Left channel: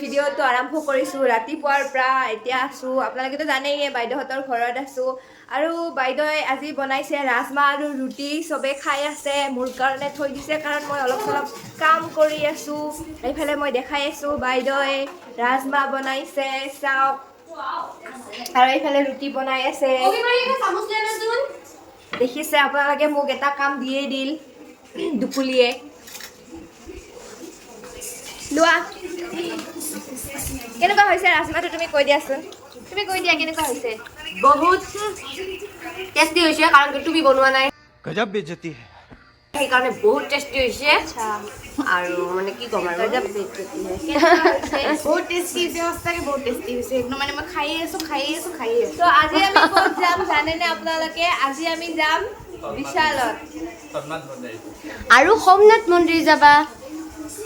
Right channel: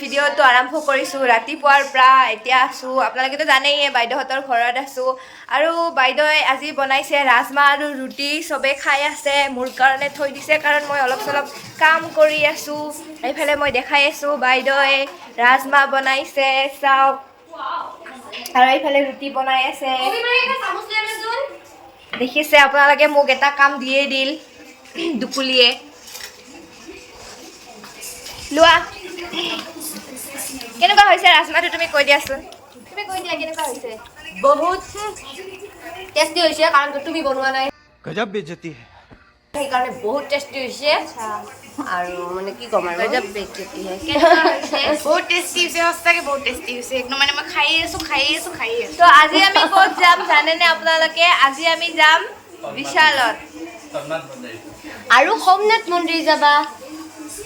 ভিডিঅ'টো আৰম্ভ কৰিছোঁ ৰাতিপুৱাৰ পৰা এতিয়া আছোঁ আপোনালোকেতো জানেই বাইদেউহঁতৰ ঘৰত আছোঁ আৰু বাইদেৱে আজি বনাইছে ৰাজমাহ আৰু ৰুটি চবে খাই আছে মোৰ কাৰণে থৈ দিছে কাৰণ মই অলপ চলপ কাম কৰি আছোঁ এইফালে মই দেখাই আছোঁ বাইদেৱে ৰাজমাহ বনাইছে চাওক আৰু এইফালে ৰুটি বনাই আছে দেখিছে আপোনালোকে মোক এটা কাম দিয়েই দিল দুপুলিয়ে লোৱা কেনেকুৱা হৈছে ৰাজমাহটো তুমি কৈ দিয়াচোন তুমি কৈ দিয়া কেনেকুৱা হৈছে বহুত টেষ্টি হৈছে কাৰণ তুমি বনোৱা নাই গজব বেজতি সেইকাৰণে বহুত টেষ্টি হৈছে আৰু মানে কি ক'ম আৰু গজব বেজতি বহুত টেষ্টি হৈছে সঁচাকৈ বহুত টেষ্টি হৈছে একদম মানে মই খাই আছোঁ তো আজি আমি ক'ত যাম জানেনে আপোনালোকে আজি আমি যাম বিশালত আৰু সোমনাথ মন্দিৰ যাবা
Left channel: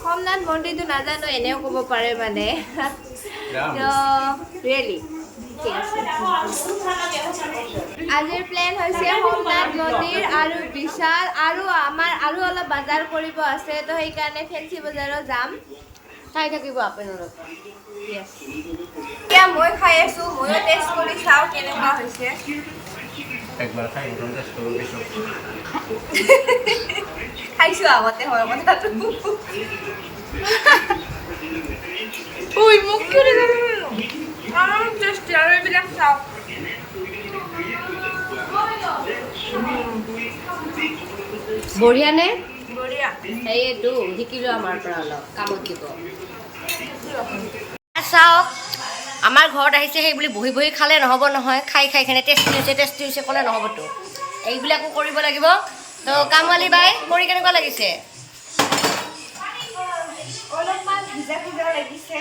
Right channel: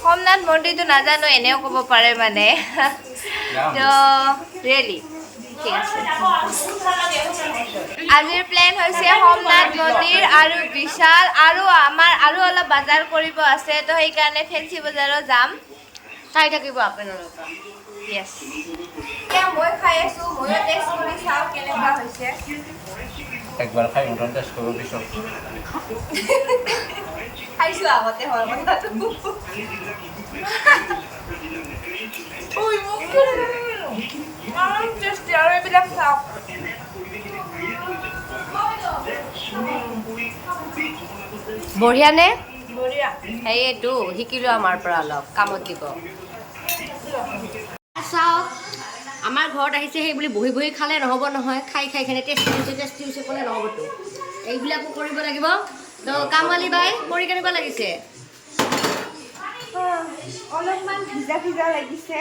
সোমনাথ মন্দিৰটো নাজানো এনেও ক'ব পাৰে মানে তো ৰিয়েলি ঠিক আছে আজিৰ প্লেন হৈছে সোমনাথ মন্দিৰ আৰু বিশাল আৰু আমাৰ আৰু অলপ বজাৰ কৰিব আছে তো সেইকাৰণে ফেঞ্চি বজাৰত যাম চাই থাকিব আপোনালোকে য়েছ এতিয়া মই খাই আছোঁ ময়ো টেষ্ট কৰি চাওঁ কেনেকুৱা হৈছে একবাৰ খাই টেষ্ট কৰিব পিছত খাইছোঁ আগতে হয় কথাটো উই মোক টেষ্টি আৰু এইবিলাক চাওক বঢ়িয়া নে বঢ়িয়া সেইটো শিকিলোঁ আমাৰ পৰা অলপ কামত দিব চাওক আমাৰ ঘৰত আহিছে সেই বুলি বহি বহি খালে নহ'ব নহয় খাই খাই কিনে টেষ্টি হৈছে ক'লে নহ'বতো এইবিলাকো কৰিব লাগিব তো কামৱালী বাই কৰি কেনেকুৱা লাগিছে অলপমান ভিজা লাগিছে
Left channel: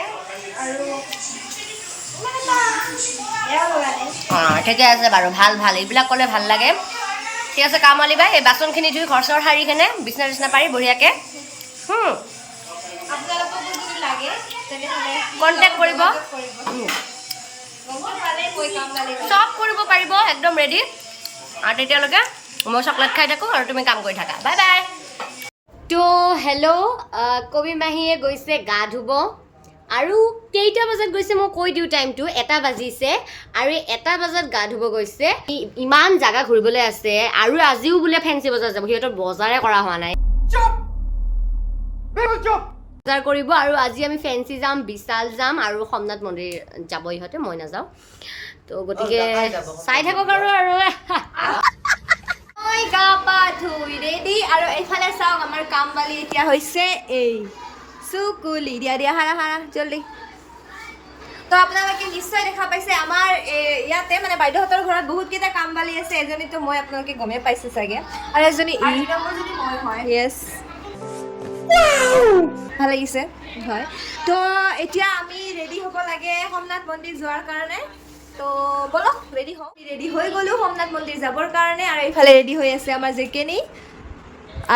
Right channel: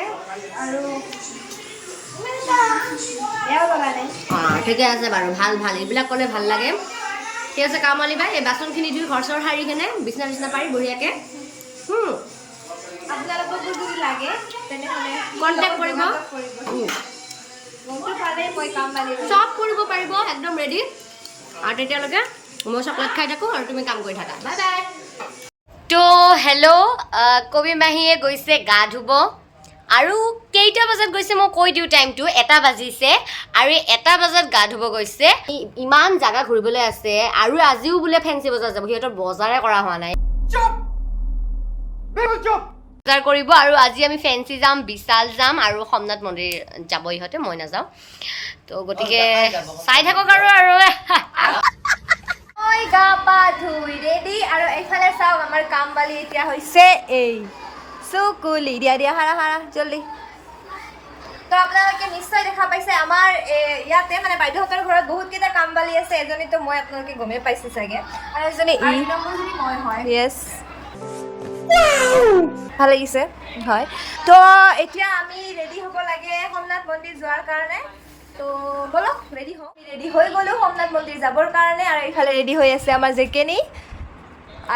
আৰু বেয়াও লগা নাই অঁ ঠিকে আছে বাৰু ভাল এইবিলাক ক'লে ভাল লাগে ঠিক আছে কামৱালী বাই এই বাচনখিনি ধুই ঘৰ চৰ সাৰি কেনে বিচনা পাৰি বঢ়িয়াকৈ আপোনালোককো যদি লাগে তেনেহ'লে কণ্টেক্ট কৰিব গমটো পালে মই কাম পালে চব কৰিব পাৰিব একদম ৰেডি আৰু তেতিয়ালৈকে মই চকলেট খাই থাকোঁ আৰু তুমি কাম কৰি থাকা বাই বাই তো হেল্ল' কবি মাহীয়ে গৈছে গা ধুব আৰু কেইটা বজাত গৈছে মই কৈ দিওঁ টাইমটো 1 বাজিছে আৰু 1 বজাত গা ধুব গৈছে ইমান জাগা ঘূৰিবলৈ আছে আৰু আজিও বোলে ফেঞ্চি বজাৰ যাব সিহঁতৰ বজাৰে কৰা হোৱা নাই বজাৰ কৰিব আৰু আজি আমি ফেঞ্চি যাম বিশাল যাম আৰু সোমনাথ মন্দিৰ যাব ইহঁতে মই নাযাওঁ তো গতিকে চাই থাকক আৰু মই গা পা ধুই ৰেডি আৰু এইফালে চাওক আমাৰ কামবালি এতিয়া হৈছে এই চুকুলি দিয়া হাৰা জলদি তো আপোনালোকে নিশ্চয় দেখা পাইছে আমাৰ ইয়াতে মানে বাইদেউহঁতৰ ঘৰত বহুতকেইটা কামবালি আছে এজনীতো মই আপোনালোকে গমেই পাইছে চাগে আৰু এজনী য়েছ ভাল লাগিছে হয় তো এতিয়া আমি ৰেডি হ'ব লাগে সোমনাথ মন্দিৰ যোৱাৰ কাৰণে তো বলক ৰেডি হওঁ ৰেডি হৈ গ'লোঁ সোমনাথ মন্দিৰ যাবৰ কাৰণে আৰু এইফালে ৰেডি হৈ আছে আমাৰ জেকেনি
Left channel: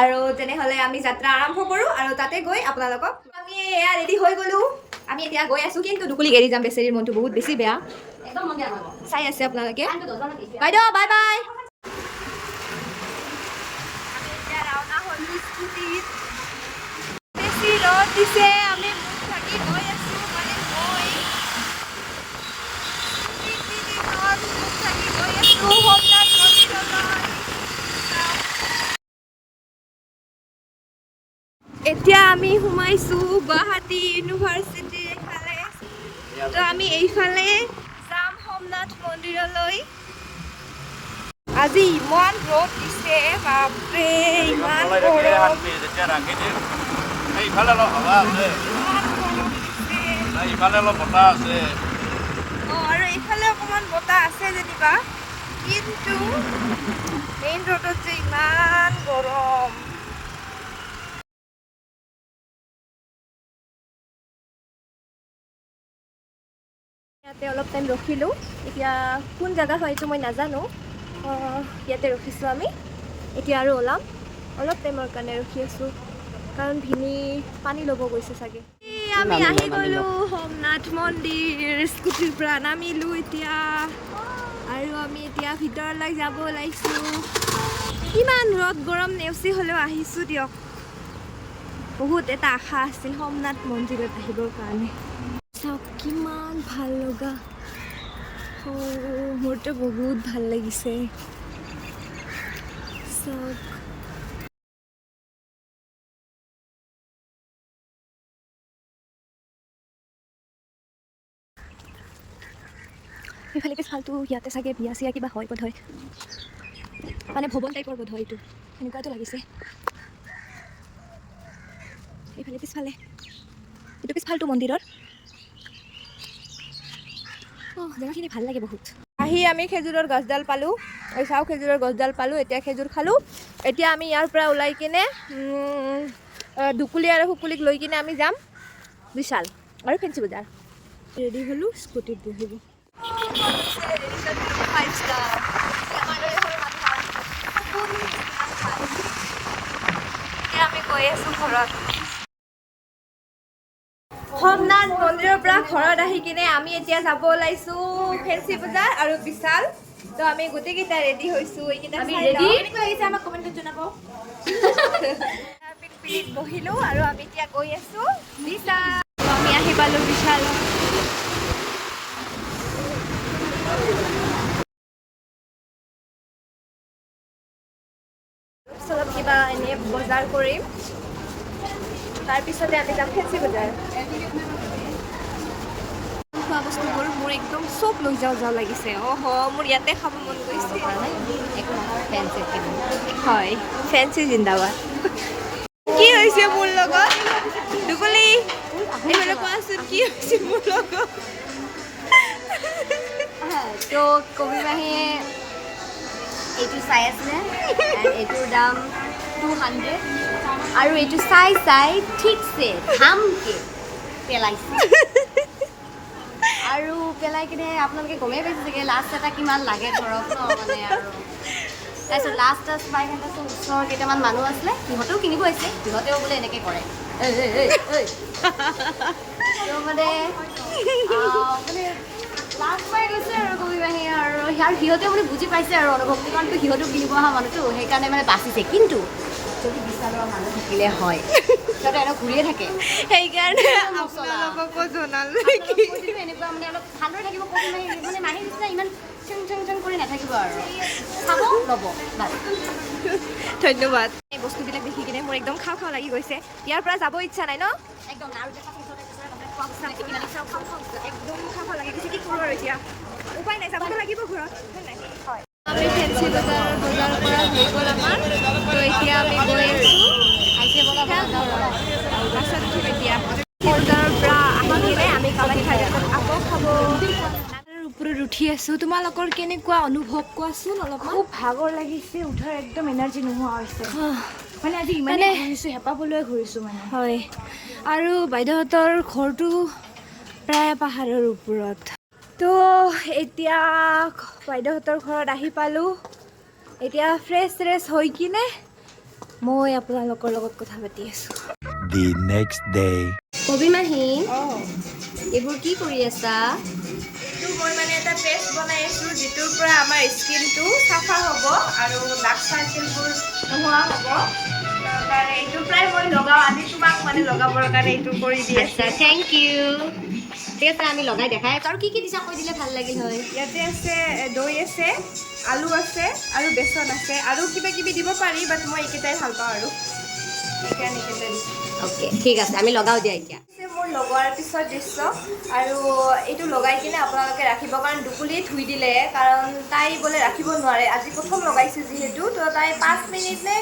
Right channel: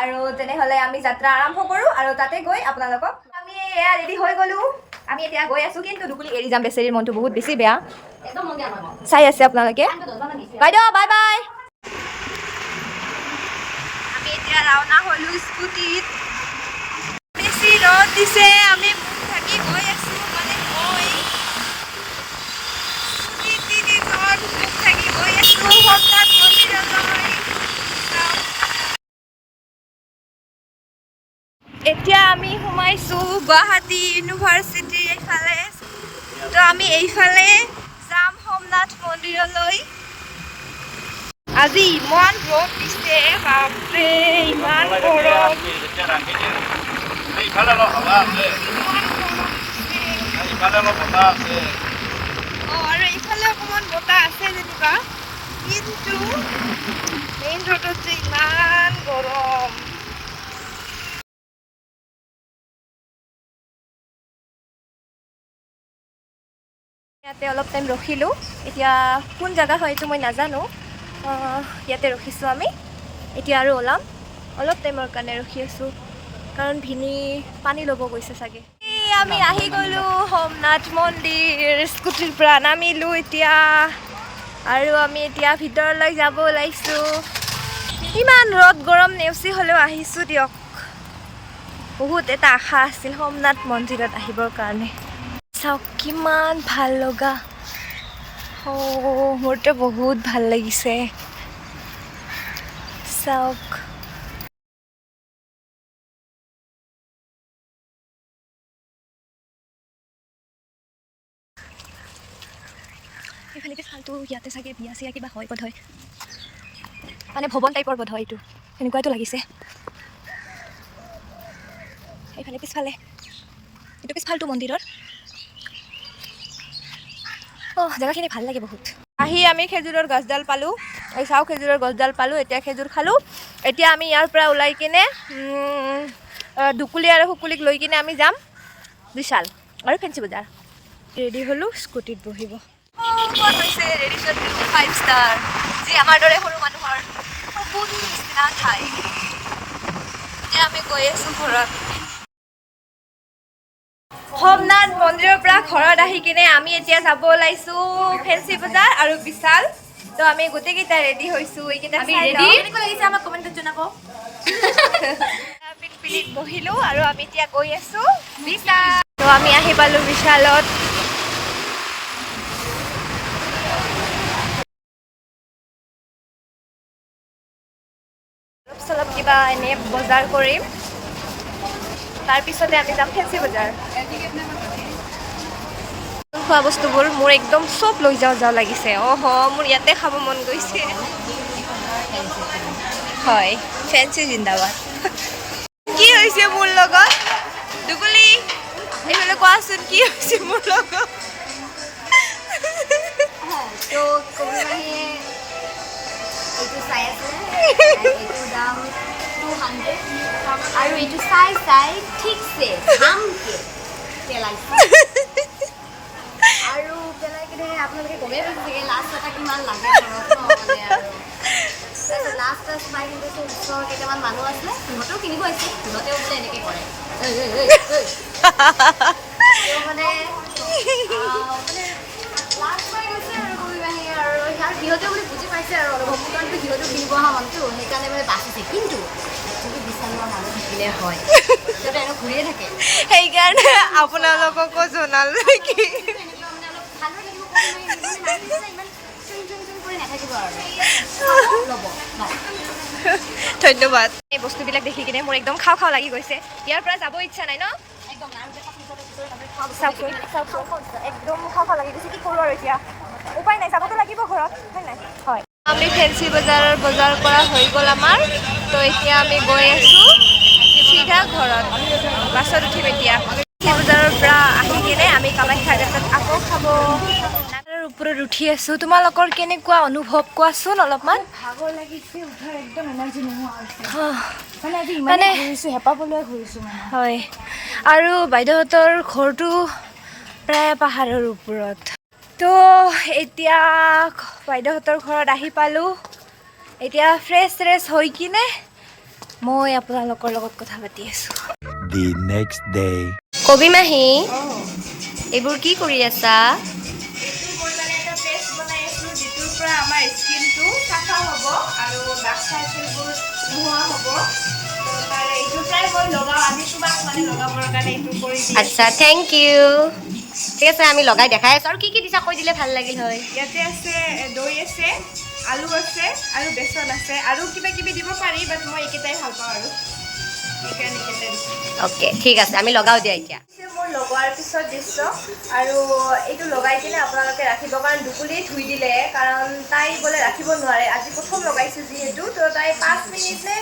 আৰু তেনেহ'লে আমি যাত্ৰা আৰম্ভ কৰোঁ আৰু তাতে গৈ আপোনালোকক আমি এয়া ৰেডি হৈ গ'লোঁ আমি এতিয়া গৈ আছোঁ কিন্তু দুকুলিক এৰি যাম বেচেৰীৰ মনটো বহুত বেছি বেয়া চাই আছে আপোনালোকে বাইদেউ বাই বাই আমি এতিয়া ৰাওনা হ'লোঁ স্কুটিত বেছি ৰ'দ দিছে আমি মুখ থাকি গৈ আছোঁ মানে মই স্কুটিত তিনিজন মুখ থাকি গৈ আছোঁ সোমনাথ মন্দিৰলৈ এতিয়া আমি সোমাইছোঁ গুৱাহাটী ইউনিভাৰ্চিটিৰ এইফালে তো আমি এইফালে যাম সোমনাথ মন্দিৰলৈ আজি ইমান ৰ'দ দিছে বাপৰে ইমান গৰম আৰু এইফালে অকণমান বতাহ আছে যেনিবা কিন্তু মেইন ৰোডত যে ইমান গৰম ইয়াতে অলপ টাইম ৰখিলোঁ এতিয়া কোন জেগা হয় এইটো মই নাজানো ইয়াতে ৰখিছোঁ আমি এতিয়া আৰু ওলাম অলপ টাইমৰ কাৰণে ৰখি আছোঁ কাৰণ ভিনি পানী ল'ব গৈছে চাগে আমি আহি গ'লোঁ সোমনাথ মন্দিৰ স্কুটিৰ পৰা নামিলোঁ এতিয়া আৰু আমি এতিয়া ভিতৰলৈ যাব ওলাইছোঁ ইমান ৰ'দ গৰম নেওচি হ'লেও আহিছোঁ দিয়ক বহুত এটা আশা আছিল সোমনাথ মন্দিৰত আহিবৰ কাৰণে চাওক কিমান ভাল লগা মোৰতো বহুত ভাল লাগিছে চাওক এইফালে পিছফালটো ইয়াতে চাগে বিয়া চিয়া কিবা হয় বোধ হয় মানে ভৱন টাইপৰ বোধ হয় এইটো এনেকুৱাইতো লাগিছে এইফালে পিছফালে এইটো পিছফালটো মন্দিৰৰ জেগাখিনি ভাল লাগে বহুত আহি আমি খেজুৰৰ গছডাল পালোঁ চাওঁ খেজুৰৰ গছডাল পালোঁ এতিয়া খেজুৰ খালোঁ এতিয়া আমি ইয়াৰ পৰা ওলাই কিনে দুকুলি আৰু শুকুলিক লৈ কিনে আমি যাম বিশাল আৰু ফেঞ্চি বজাৰ ৰেডি হ'লোঁ স্কুটিত বহিব হৈছে ৰেডিশ্যন 5 ষ্টাৰ যি আমাৰ দৰে সৰু মানুহৰ সপোন নিচিনা ঠাই এতিয়া আমি গৈ আছোঁ ঘৰত সোমনাথ মন্দিৰৰ পৰা ঘৰত আহি কিনে আমি এতিয়া যাব ওলাইছোঁ ফেঞ্চি বজাৰ আৰু বিশাল তো আমি গোটেইকেইটা ৰেডি হৈছোঁ এইকেইটা আমি ৰেডি কেনেকুৱা লাগিছে আমাক কমেণ্টত জনাব পিলিত বহিলোঁ আৰু আমি এতিয়া গৈ আছোঁ বিশাল তো আমি আহি পালোঁ বিশালত অলপ কিবা এনে বজাৰ কৰিম তাৰপিছতে আমি যাম ফেঞ্চি বজাৰ খোৱা বস্তুবোৰ মোৰ একদম চব লৈ যাওঁ লাগিছে মোৰ ইয়াতে খাব মন গৈছে হয় ফেঞ্চি জিন্দাবাদ কি হৈছে মোৰ লগত দুগুলি এইফালে কোৱাচোন কি হৈছে মোৰ লগত তো কবিমাহীয়ে এইটো চাই আছিলে এইটোৰ দাম 200 আৰু এইটো চাই ঠিকছে ধামকে পেলাইছে আৰু পেলাই কিনে আপোনালোকে গমেই পাইছে চাগে লাষ্ট এটা কিমান লাগে ঘৰত মানে আৰু তাৰপিছত লাষ্ট 500 ওচৰৰ কেইটামান মানুহ আছিলে সিহঁতেও কিনিব আহিছে সিহঁতেও বোলে এনেকৈ কৰে মানে লাষ্ট পাই গৈছে আৰু কবিমাহী আৰু সিহঁতেও মানে বুজি পাইছে আৰু অনুভৱটো কাৰণ সিহঁতেও কিনিব অহা মানুহটো সেইকাৰণে মানে বাচিছে কিন্তু যদি বিচৰা মানুহ থাকিলে হয় সিহঁতে এনেও ঘূৰিয়ে থাকে সেইকাৰণে আপোনালোককো জনালোঁ নেকি এনেকুৱা মানে অলপ ভালদৰে থাকিব মানে মানুহ নিচিনা ইমান চং কৰি নাথাকিব আৰু ল'ব বাছ ধন্যবাদ এই বস্তুবিলাক দেখি কিনে মোৰ একদম খাওঁ লাগি গৈছে ইয়াৰ পৰা যাব ইচ্ছা নাই ন একদম আৰু একদম খাওঁ লাগি গৈছে কি কৰোঁ আৰু এতিয়া উপায় নাই যাবতো লাগিব ঘৰত হয় নাই হয় আমি ফেঞ্চি বজাৰ কৰা হৈ গ'ল আমাৰ তো এতিয়া আমি গৈ আছোঁ চিধা ঘৰত বাছত উঠিম এতিয়া ফেঞ্চি বজাৰৰ পৰা আহি কিনে আমি কামাখ্যা ঘাটত আকৌ খাব নাগাৰৰ ওপৰত উঠি আছোঁ তোমালোকৰ কেনেকুৱা অনুভৱ কোৱাচোন অলপমান ভাগৰ লাগিছে উঠাৰ একদম এনাৰ্জি নোহোৱা হৈছে মানে আজি ইমানে ঘূৰিছোঁ হেঁপাহ পলোৱাই ঘূৰিছোঁ মানে হয় আৰু বাইদেউহঁতৰ ঘৰটো প্ৰায় পাহাৰৰ ওপৰত তো এতিয়া বাইদেউহঁতৰ ঘৰত আহি পালোঁ এতিয়া ফ্ৰেছ হৈ কিনে মই আপোনালোকৰ লগত কথা পাতি আছোঁ The next day. কবিমাহী এইবোৰ কি কৰি আছা এইটো মই মানে এটা পেষ্ট বনাই আছোঁ যিটোৰ পৰা আমাৰ স্কিনটো চাফা হ'ব আৰু ডাৰ্ক চাৰ্কেলবোৰ নোহোৱা হ'ব কাৰণে এইটো প্ৰায় মই লগাওঁ আজি তোমাক মানে লগাবৰ কাৰণে এইটো কৰি দি আচ্ছা থেংক ইউ ঠিক আছে আমি লগাই দেখাই আছোঁ আৰু কি দিছা কৈ দিলে ভাল লাগিল হয় ইয়াতে আছে দৈ আছে আলু আছে আৰু বেচন আছে আৰু কিবা কিবি দিব পাৰি বাট মই এইকেইটাই ভাল পাওঁ আৰু সেইকাৰণে এইকেইটাই দিছোঁ অ'কে ঠিক আছে আমি লগাওঁ দিয়া এতিয়া মোৰ লগোৱাৰ পিছত দৃশ্য আৰু এইটো লগাই কিনে আপোনালোকে ৰাখিব কাৰণ দুকুলিয়ে ধুই দিলে কাৰণ তাই বোলে ৰাখিব নোৱাৰে আজি প্ৰথম লগাইছোঁ যিহেতু তো তাই 5 মিনিট নে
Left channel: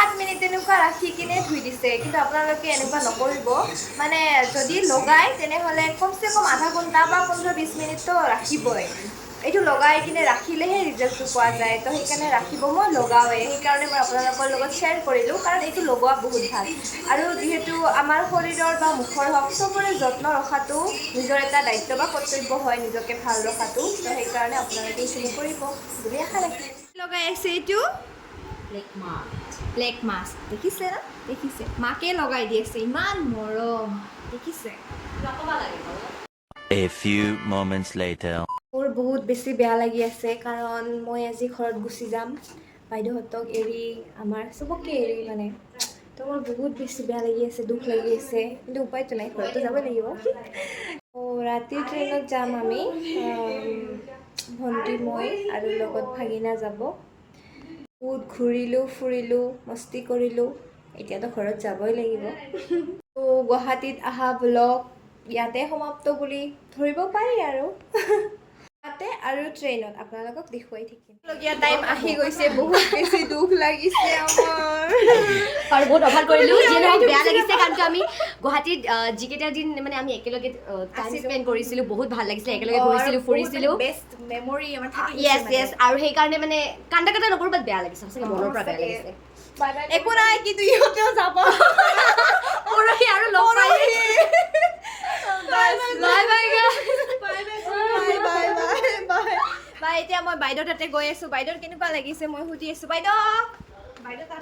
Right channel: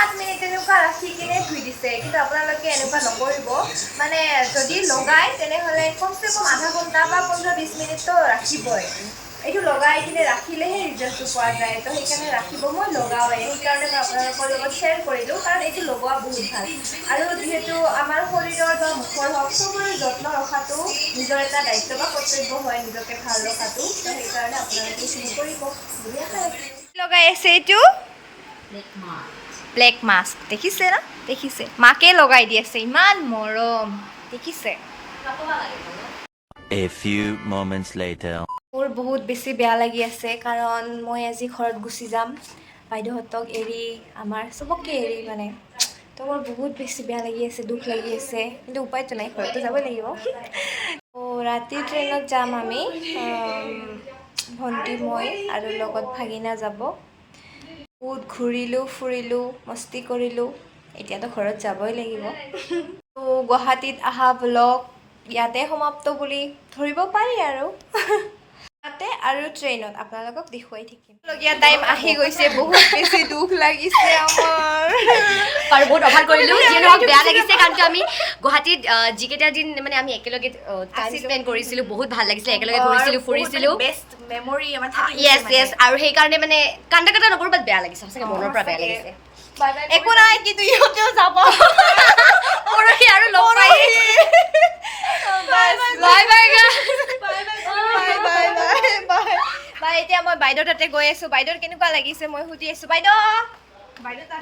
7 মিনিট তেনেকুৱা ৰাখি কিনে ধুই দিছে কিন্তু আপোনালোকে এনেকুৱা নকৰিব মানে যদি লগাই তেনেহ'লে কমচে কম আধা ঘণ্টা বা 15-20 মিনিটতো ৰাখিবই এইটো লগাই কিনে ৰাখিলেহে ৰিজাল্টটো পোৱা যায় তো সেইকাৰণে ৰাখিব মই লগাওঁৱে সেইকাৰণে মই আপোনালোকৰ লগত শ্বেয়াৰ কৰিলোঁ কাৰণ এইটো লগোৱা বহুত ভাল আৰু যিহেতু আমাৰ শৰীৰৰ বা মুখৰ হওক চবৰে যত্ন ৰখাটো নিজৰ এটা দায়িত্ব বা কৰ্তব্য হয় নিজকে ভাল ৰখাটো তো সেইকাৰণে আপোনালোকে এইখিনি কৰিব বুলি আশা ৰাখিলোঁ লগাই আছে এইটো ব্লেক মাস্ক দেখিছে না দেখিছে মাকে লগাই দি আছে ইমান মৰম দেখিছে A few moments later. মোৰ বহুত বেছি বেয়া লাগি আছে কাৰণ মই আজি ঘৰত গুচি যাম বাইদেউহঁতক এৰি আমাৰ চবকে এৰি মানে তো মোৰ বহুত বেছি বেয়া লাগি আছে দুখ লাগি আছে কিন্তু উপায়তো নাই ঘৰতো যাবই লাগিব ৰাতিৰ ট্ৰেইনত যাম আমি ভণ্টি মই আৰু লগত ভাগিনা যাব বহুত ঘূৰিলোঁ ফুৰিলোঁ মস্তি কৰিলোঁ এতিয়াতো ঘৰত যাবই লাগিব তো গুৱাহাটীত অহা ব্লগ ইয়াতে সমাপ্ত বুলি ধৰিব পাৰি আৰু ইয়াতে আৰু ট্ৰেইনত আপোনালোকক দেখুৱাই থাকিম লগীয়া টাইম আহি গৈছে বহুত বেছি দুখ লাগিছে আমাৰ আৰু বহুত অভাৰ কৰিলোঁ যিয়ে নহওক বেয়া লাগিছে কাৰণ আমি গুৱাহাটীত যিকেইটা দিন মানে আমি একেলগে টাইম স্পেণ্ড কৰিছিলোঁ বহুত ভাল লাগিছিলে একেলগে ঘূৰিছিলোঁ ফুৰিছিলোঁ বেষ্ট মেমৰি আমাৰ থাকি য়েছ য়েছ আৰু সেইকাৰণে মানে কান্দা কান্দা নকৰোঁ বাট বেয়া লাগিছে সঁচাকৈ মনৰ পৰা বেয়া লাগিছে একো নাই কিন্তু ইহঁতেও যাব পৰহি আৰু লগ পাই বাই এতিয়া মই বাইদেউ তাতে গৈ আছো বাইদেউৰ কেনেকুৱা লাগিছে মই সুধি আছো বাইদেউ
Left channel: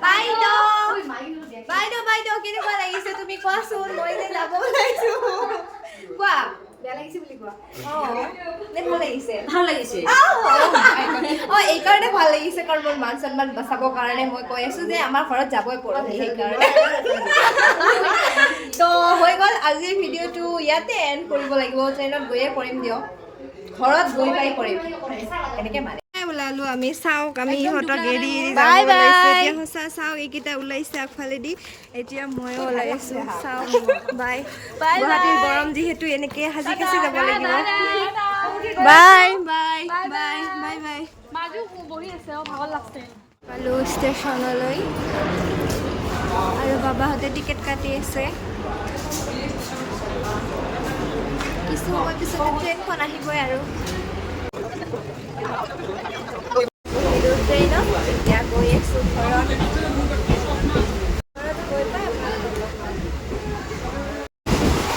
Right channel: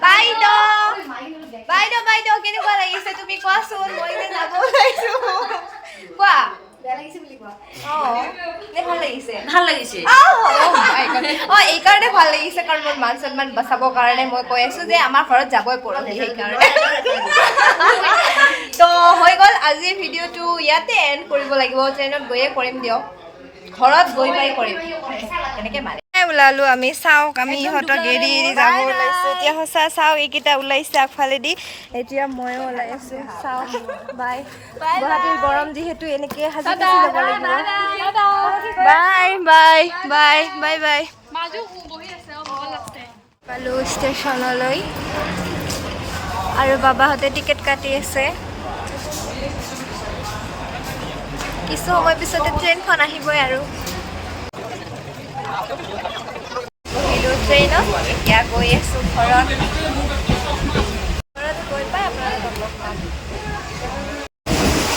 বাইদেউ বাইদেউ বাইদেউ কেনেকুৱা লাগিছে তুমি কোৱাচোন মই যে যাব ওলাইছো কোৱা বেয়া লাগিছে বুলি কোৱা নে ভাল লাগিছে ভাল লাগিছে এইকাৰণে ভাল লাগিছে কাৰণ মোৰ মান সন্মান বচাবৰ কাৰণে মই কৈ আছো যে আমাৰ ঘৰত যাবই পৰহি সেইকাৰণে তো হৈ গ'ল আজিৰ ভিডিঅ'টো ইয়াতে এণ্ড কৰিব লাগিব ট্ৰেইনত গৈয়ে কৰিম দিয়ক ঘৰত গৈ পাই কৰিম এনেকৈ মানে ওলালো আমি চাওক আমি ইহঁতক এৰি যাব ওলাইছো এতিয়া সঁচা চাওক এইকেইটা ওলাইছে আগফালেদি এতিয়া ময়ো ওলাই আছো চাওক বাই গুৱাহাটীৰ গৰম যিহেতু এনেকৈ সাজি কাচি যাব লাগিব bye bye bye bye bye পালো ষ্টেচনলৈ আৰু বাবাহঁতে টিকেট কাটি আছে কিছু সময় পিছতে ট্ৰেইনখন আহিবই আৰু বহিলোঁ ট্ৰেইনত এতিয়া গৈ আছোঁ ঘৰত গৈ পাই আপোনালোকক লগ পাম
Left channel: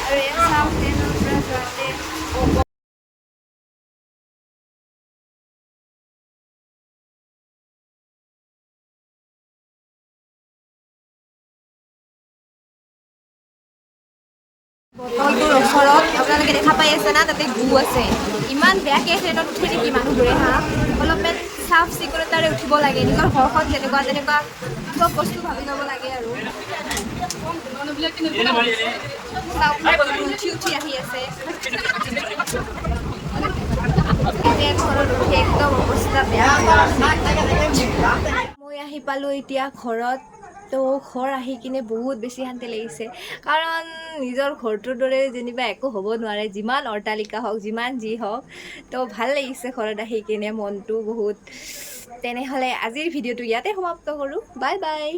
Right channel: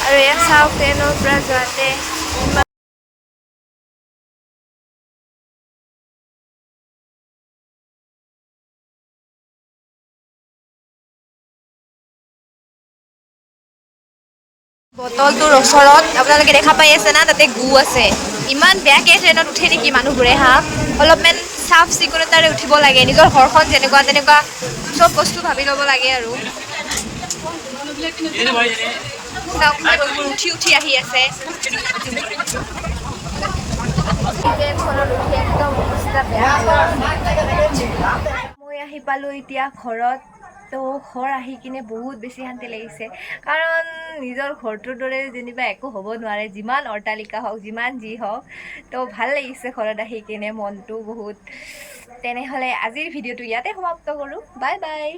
আৰু এয়া চাওক ট্ৰেইনৰ পৰা যোৱাতে বটলটোৰ ওচৰত আপোনালোকে দেখা পাই আছে না তাতে গু আছে ইমান বেয়াকৈ ট্ৰেইনত উঠে নেকি মানুহবোৰে হা অলপমান চাফ চিকুণতাৰে উঠিব লাগে নিজৰ ঘৰখন যেনেকুৱা তেনেকুৱা চব বস্তু ভাবি ল'ব লাগে আৰু চাওক মানুহবোৰ উঠি উঠি আহি আছে ট্ৰেইনখনত উঠি একদম অৱস্থা বেয়া হৈ আছে মই আহি পালোঁ এতিয়া ঘৰত তো ঘৰ আহি কিনে বহুত বেছি শান্তি লাগিছে কাৰণ নিজৰ ঘৰটোৰ দৰে যেনিবা একো হ'ব নোৱাৰে যিমান অট্টালিকা হওক যিমান যি হওক তো ভাল লাগিছে ঘৰত আহি কিনে মনটো বহুত তেনেহ'লে আজিৰ ভিডিঅ'টো ইয়াতে সমাপ্ত কৰোঁ বাই বাই